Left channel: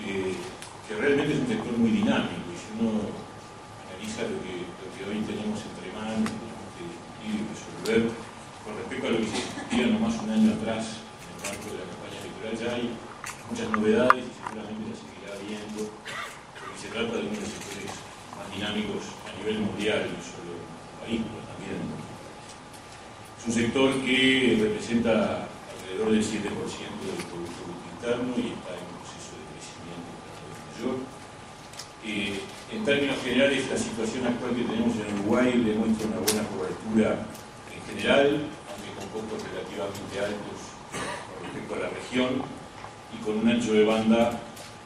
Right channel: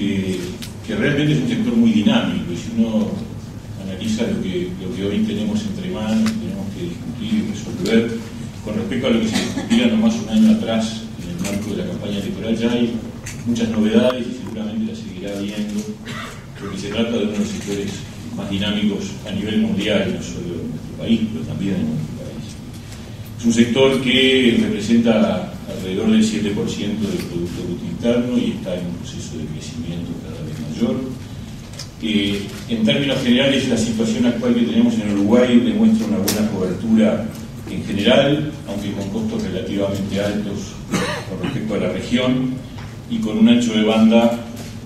que realmente es un sector muy dinámico, y si uno analiza lo que hoy tenemos entre manos, tenemos que discutir y resolver con respecto a lo que se discutía no más un año atrás en el marco de la campaña electoral, ya hay muchas novedades y seguramente las seguirá viendo, porque se trata de uno de los sectores más dinámicos a nivel mundial, no solo en nuestro país, pero también en nuestro país. Es un sector que representa alrededor del 7% del Producto Bruto Interno y está en un proceso de crecimiento cada vez mayor. En términos generales, la situación actual que tenemos en Uruguay demuestra una buena cobertura en general, aunque con costos relativamente altos con respecto a la región y con un ancho de banda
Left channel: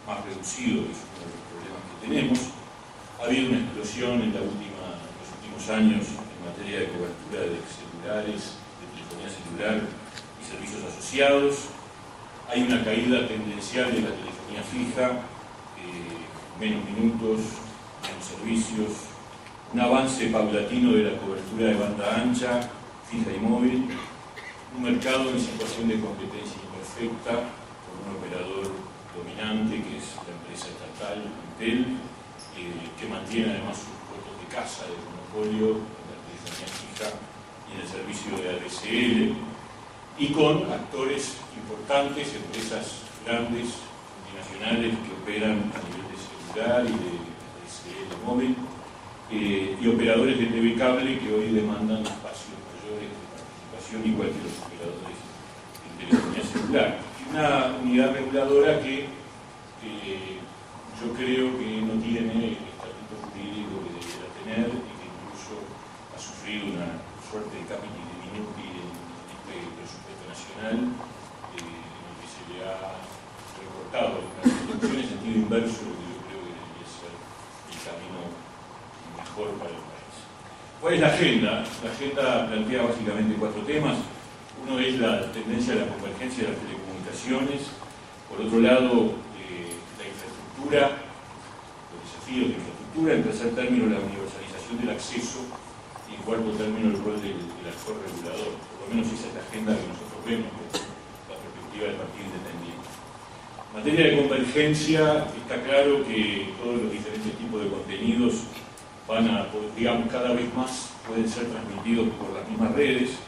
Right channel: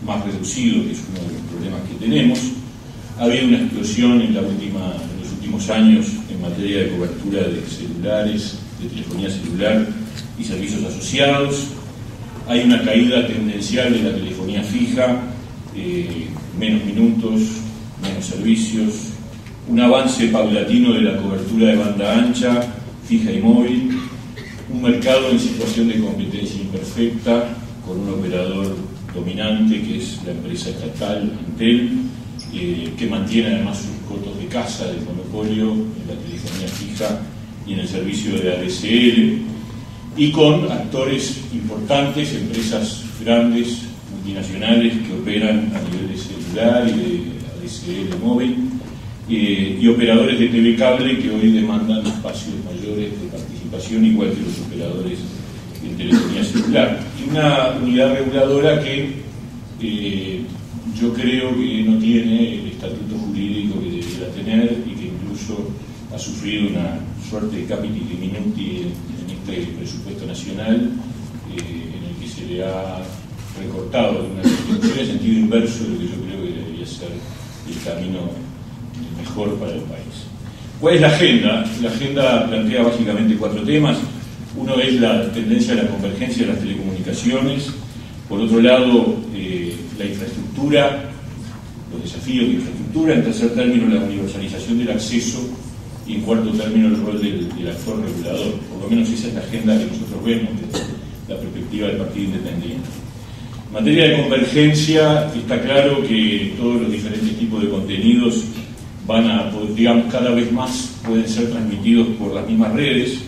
más reducido, que es uno de los problemas que tenemos. Ha habido una explosión en los últimos años en materia de cobertura de celulares, de telefonía celular y servicios asociados. Hay una caída tendencial de la telefonía fija, menos minutos, menos servicios, un avance paulatino de la cobertura de banda ancha, fija y móvil, un mercado en situación de competencia imperfecta con un operador dominante que es la empresa estatal Entel, que mantiene además sus cotos de casa de monopolio en la telefonía fija y en el servicio de ADSL, y con actores importantes, empresas grandes, multinacionales que operan a nivel de celular y de ADSL móvil, y operadores de TV cable que hoy demandan espacios mayores de participación, igual que los operadores de telefonía celular. Y una unidad reguladora que yo creo que no tiene el estatuto jurídico que debería tener y que incluso ha sufrido una suerte de capiti diminuti en este presupuesto nacional, en el que se le ha recortado una situación en sentido inverso de lo que yo creo que debería ser el camino mejor para el país. ¿Cuál es la agenda? La agenda plantea básicamente 4 temas. Uno es la tendencia a la convergencia de las telecomunicaciones. Por otro lado, la infraestructura, los desafíos de infraestructura. En tercer término, la universalización del acceso. Y en cuarto término, el rol del actor regulador. Por lo menos esa es la agenda que nosotros vemos desde la perspectiva del Partido Independiente. En materia de convergencia, está claro que todos los diferentes tipos de contenidos van a, digamos, cada vez más pueden ser transmitidos por las mismas redes.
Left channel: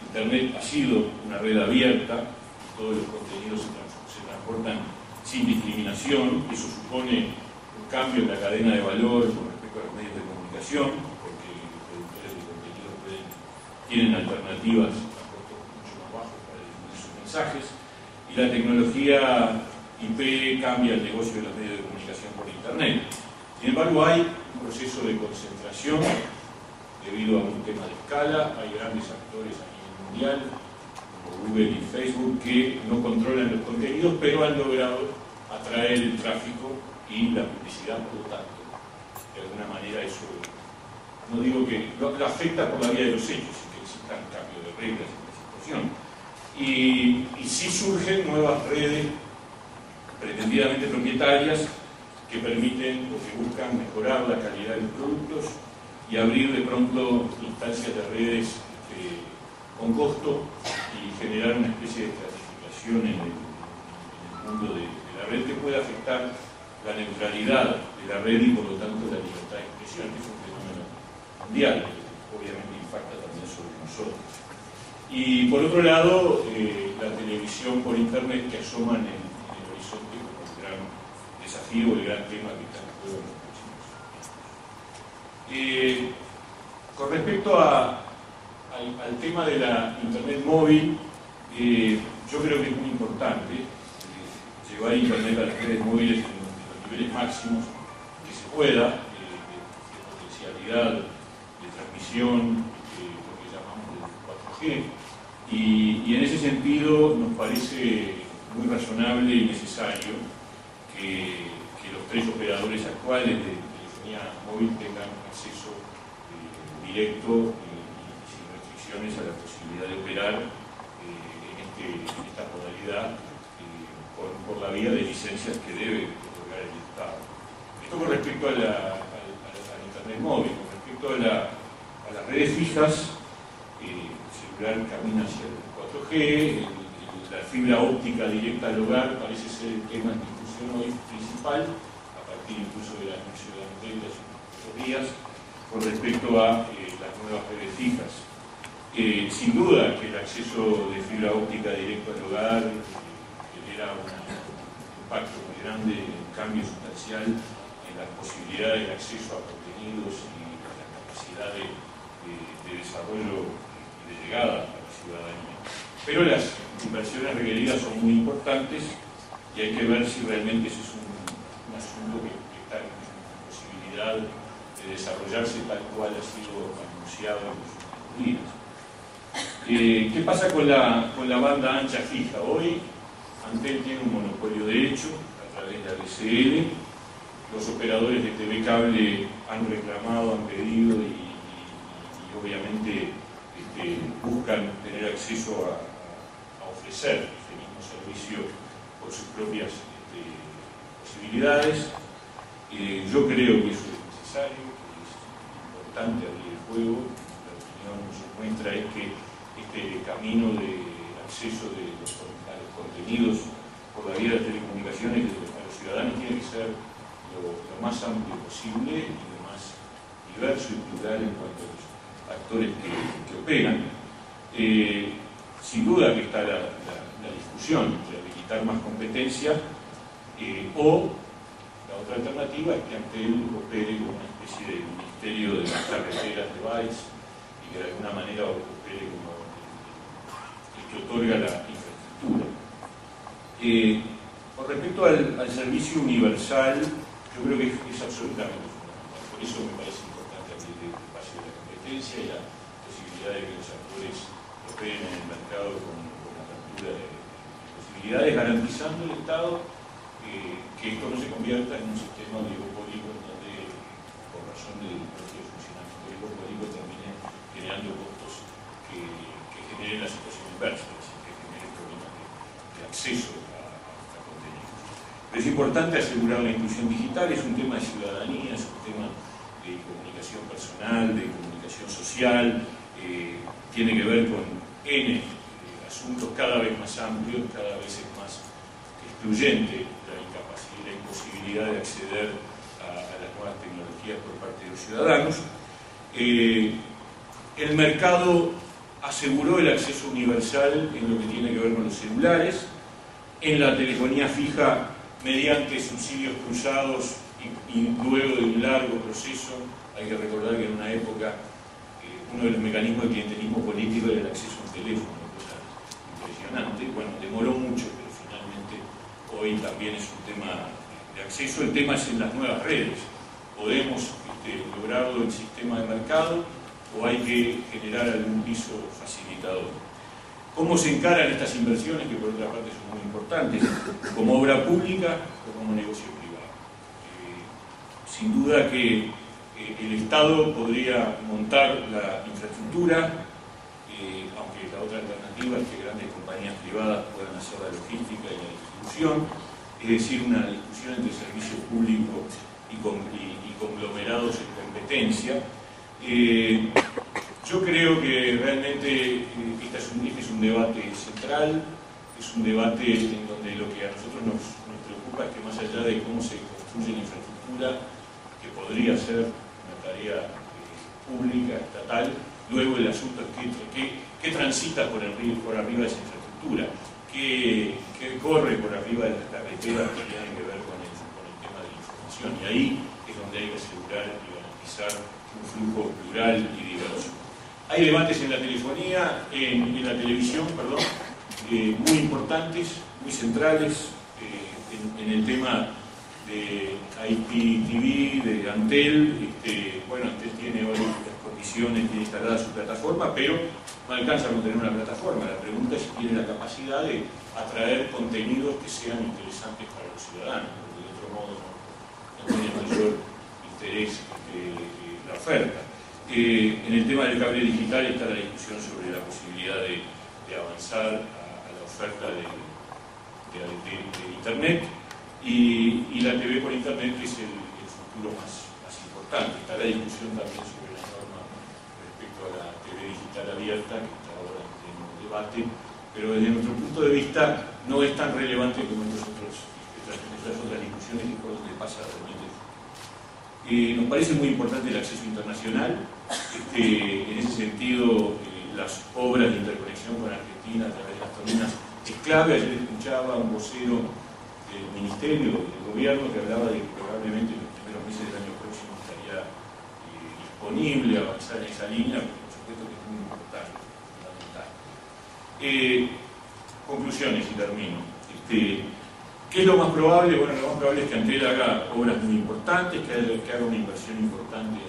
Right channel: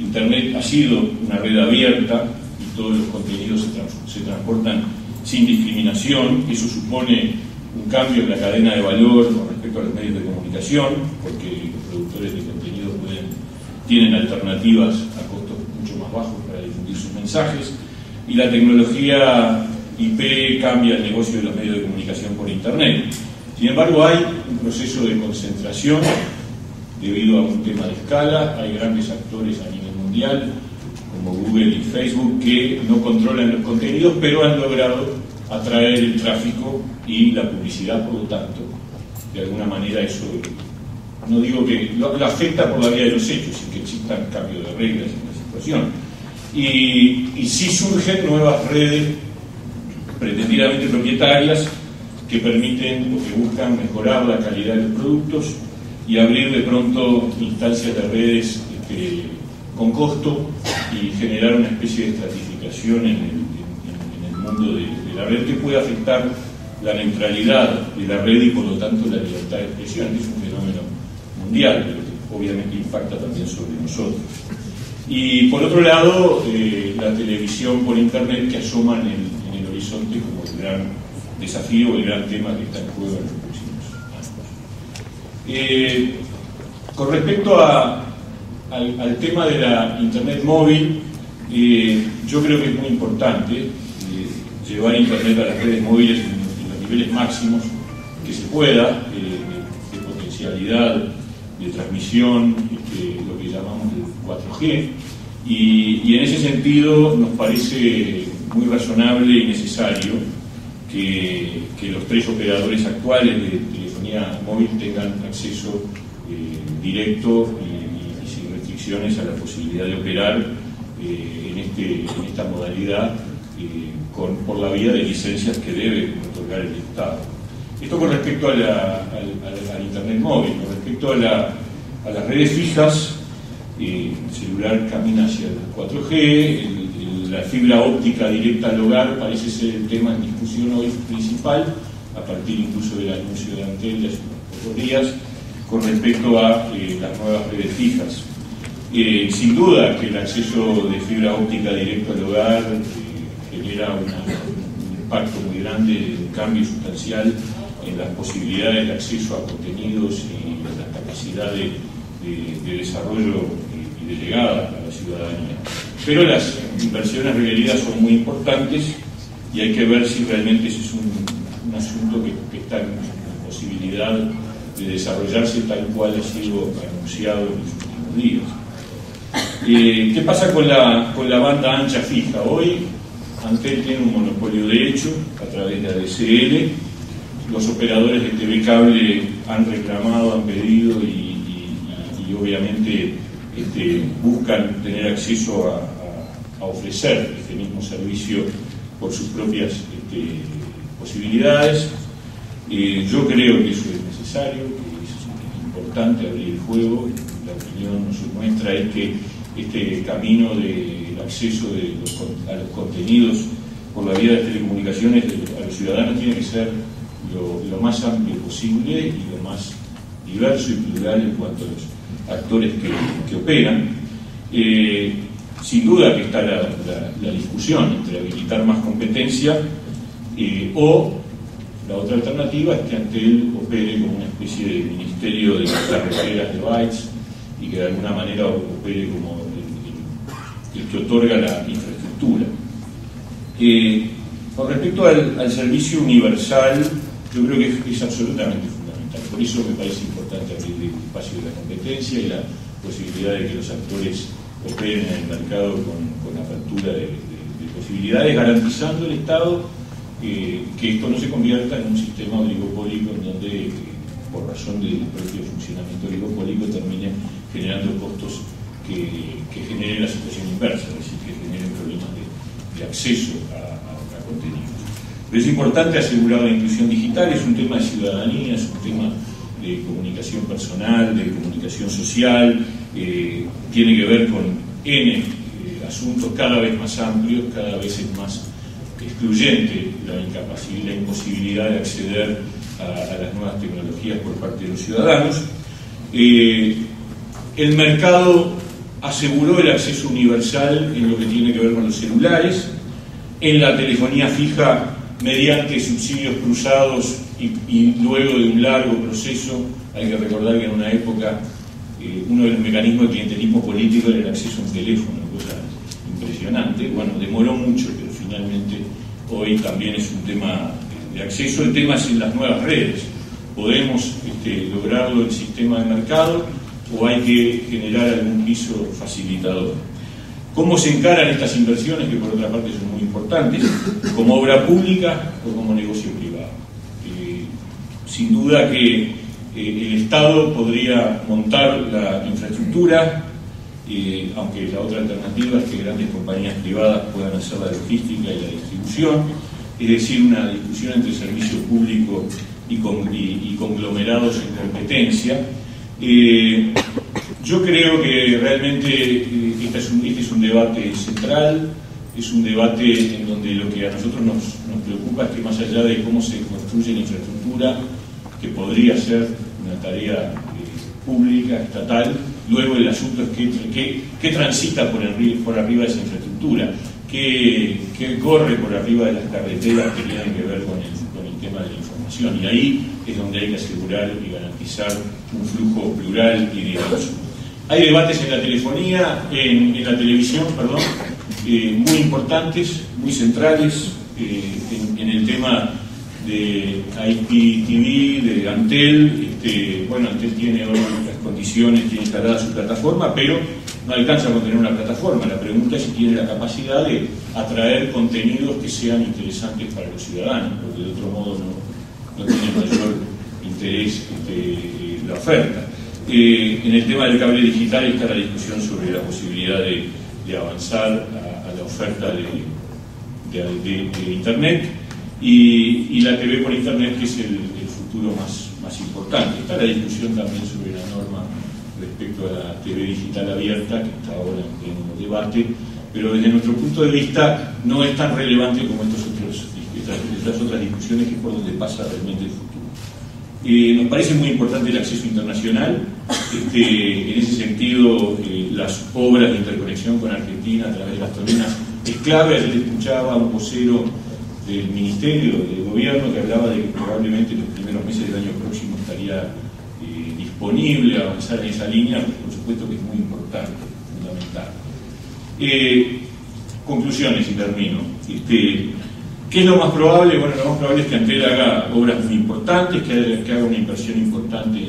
Internet ha sido una red abierta y todos los contenidos se transportan sin discriminación. Eso supone un cambio en la cadena de valor con respecto a los medios de comunicación, porque los productores de contenido tienen alternativas a costos mucho más bajos para difundir sus mensajes, y la tecnología IP cambia el negocio de los medios de comunicación por Internet. Sin embargo, hay un proceso de concentración debido a un tema de escala. Hay grandes actores a nivel mundial, como Google y Facebook, que no controlan los contenidos, pero han logrado atraer el tráfico y la publicidad. Por lo tanto, de alguna manera eso, no digo que lo afecta por la vía de los hechos, sin que existan cambios de reglas en la situación. Y sí surgen nuevas redes pretendidamente propietarias que permiten o que buscan mejorar la calidad de los productos y abrir de pronto instancias de redes con costo y generar una especie de estratificación en el mundo de la red que puede afectar la neutralidad de la red y por lo tanto la libertad de expresión, que es un fenómeno mundial, pero que obviamente impacta también sobre nosotros. Y por otro lado, la televisión por Internet que asoma en el horizonte como el gran desafío, el gran tema que está en juego en los próximos años. Con respecto al tema de la Internet móvil, yo creo que es muy importante llevar Internet a las redes móviles en los niveles máximos que se pueda, de potencialidad, de transmisión, lo que llamamos de 4G, y en ese sentido nos parece muy razonable y necesario que los 3 operadores actuales de telefonía móvil tengan acceso directo y sin restricciones a la posibilidad de operar en esta modalidad por la vía de licencias que debe otorgar el Estado. Esto con respecto al Internet móvil. Con respecto a las redes fijas, el celular camina hacia el 4G, la fibra óptica directa al hogar parece ser el tema en discusión hoy principal, a partir incluso del anuncio de Antel de hace unos pocos días, con respecto a las nuevas redes fijas. Sin duda que el acceso de fibra óptica directo al hogar genera un impacto muy grande, un cambio sustancial en las posibilidades de acceso a contenidos y en la capacidad de desarrollo y de llegada a la ciudadanía. Pero las inversiones requeridas son muy importantes y hay que ver si realmente ese es un asunto que está en posibilidad de desarrollarse tal cual ha sido anunciado en los últimos días. ¿Qué pasa con la banda ancha fija? Hoy Antel tiene un monopolio de hecho a través de ADSL. Los operadores de TV Cable han reclamado, han pedido y obviamente buscan tener acceso a ofrecer este mismo servicio por sus propias posibilidades. Yo creo que eso es necesario, que es importante abrir el juego. La opinión nos muestra es que este camino del acceso a los contenidos por la vía de las telecomunicaciones a los ciudadanos tiene que ser lo más amplio posible y lo más diverso y plural en cuanto a los actores que operan. Sin duda que está la discusión entre habilitar más competencia o la otra alternativa es que Antel opere como una especie de ministerio de carreteras de bytes y que de alguna manera opere como el que otorga la infraestructura. Con respecto al servicio universal, yo creo que es absolutamente fundamental. Por eso me parece importante abrir el espacio de la competencia y la posibilidad de que los actores operen en el mercado con la apertura de posibilidades, garantizando el Estado que esto no se convierta en un sistema oligopólico en donde, por razón del propio funcionamiento oligopólico, termine generando costos que generen la situación inversa, es decir, que generen problemas de acceso a contenidos. Pero es importante asegurar la inclusión digital, es un tema de ciudadanía, es un tema de comunicación personal, de comunicación social, tiene que ver con N asuntos cada vez más amplios, cada vez es más excluyente la imposibilidad de acceder a las nuevas tecnologías por parte de los ciudadanos. El mercado aseguró el acceso universal en lo que tiene que ver con los celulares, en la telefonía fija mediante subsidios cruzados y luego de un largo proceso. Hay que recordar que en una época uno de los mecanismos de clientelismo político era el acceso a un teléfono, una cosa impresionante. Bueno, demoró mucho, pero finalmente hoy también es un tema de acceso. El tema es en las nuevas redes. ¿Podemos lograrlo en el sistema de mercado o hay que generar algún piso facilitador? ¿Cómo se encaran estas inversiones, que por otra parte son muy importantes, como obra pública o como negocio privado? Sin duda que el Estado podría montar la infraestructura, aunque la otra alternativa es que grandes compañías privadas puedan hacer la logística y la distribución, es decir, una discusión entre servicio público y conglomerados en competencia. Yo creo que realmente este es un debate central, es un debate en donde lo que a nosotros nos preocupa es que más allá de cómo se construye la infraestructura, que podría ser una tarea pública, estatal, luego el asunto es qué transita por arriba de esa infraestructura, qué corre por arriba de las carreteras que tienen que ver con el tema de la información, y ahí es donde hay que asegurar y garantizar un flujo plural y diverso. Hay debates en la telefonía, en la televisión, perdón, muy importantes, muy centrales, en el tema de IPTV, de Antel. Bueno, Antel tiene otras condiciones, tiene instalada su plataforma, pero no alcanza con tener una plataforma. La pregunta es si tiene la capacidad de atraer contenidos que sean interesantes para los ciudadanos, porque de otro modo no tiene mayor interés la oferta. En el tema del cable digital está la discusión sobre la posibilidad de avanzar a la oferta de Internet y la TV por Internet, que es el futuro más importante. Está la discusión también sobre la norma respecto a la TV digital abierta, que está ahora en pleno debate, pero desde nuestro punto de vista no es tan relevante como estas otras discusiones, que es por donde pasa realmente el futuro. Nos parece muy importante el acceso internacional. En ese sentido, las obras de interconexión con Argentina a través de las turbinas es clave. Ayer escuchaba a un vocero del Ministerio del Gobierno que hablaba de que probablemente en los primeros meses del año próximo estaría disponible a avanzar en esa línea. Por supuesto que es muy importante, fundamental. Conclusiones y termino. ¿Qué es lo más probable? Bueno, lo más probable es que Antel haga obras muy importantes, que haga una inversión importante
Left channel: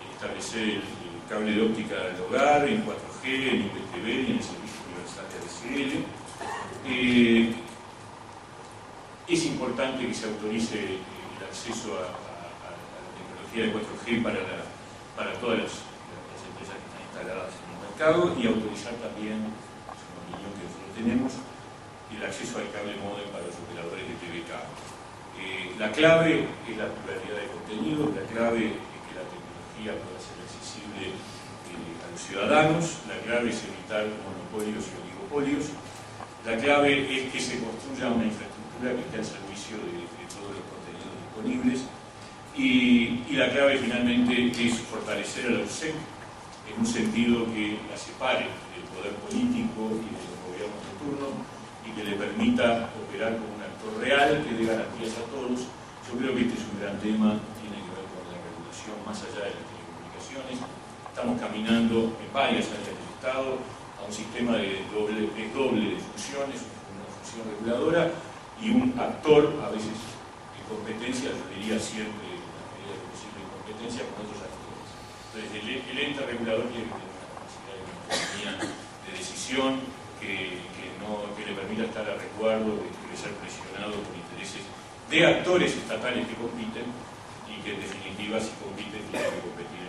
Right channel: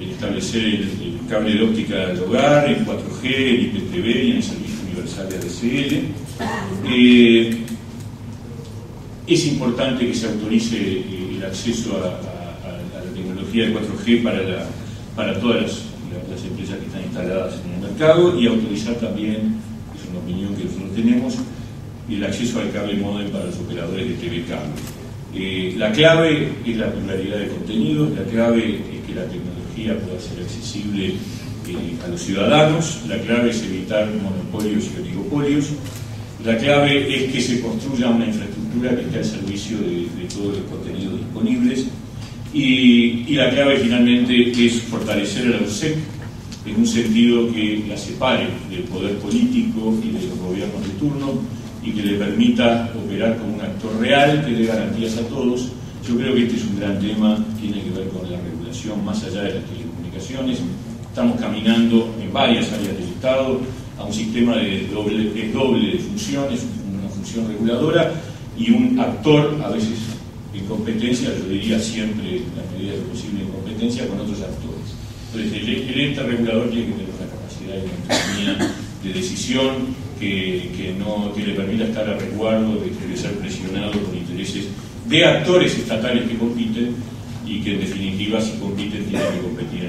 en establecer el cable de óptica del hogar, en 4G, en IPTV y en el servicio universal de ADSL. Es importante que se autorice el acceso a la tecnología de 4G para todas las empresas que están instaladas en el mercado, y autorizar también, es una opinión que nosotros tenemos, el acceso al cable módem para los operadores de TV cable. La clave es la pluralidad de contenidos, la clave es que la tecnología pueda ser accesible a los ciudadanos, la clave es evitar monopolios y oligopolios, la clave es que se construya una infraestructura que esté al servicio de todos los contenidos disponibles, y la clave finalmente es fortalecer a la UCEP en un sentido que la separe del poder político y de los gobiernos de turno, y que le permita operar como un actor real que dé garantías a todos. Yo creo que este es un gran tema, tiene que ver con la regulación más allá de las telecomunicaciones. Estamos caminando en varias áreas del Estado a un sistema de doble de funciones, una función reguladora y un actor, a veces en competencia, yo diría siempre en la medida de lo posible en competencia con otros actores. Entonces el ente regulador tiene que tener una capacidad de autonomía de decisión que le permita estar a resguardo de ser presionado por intereses de actores estatales que compiten, y que en definitiva, si compiten, tienen que competir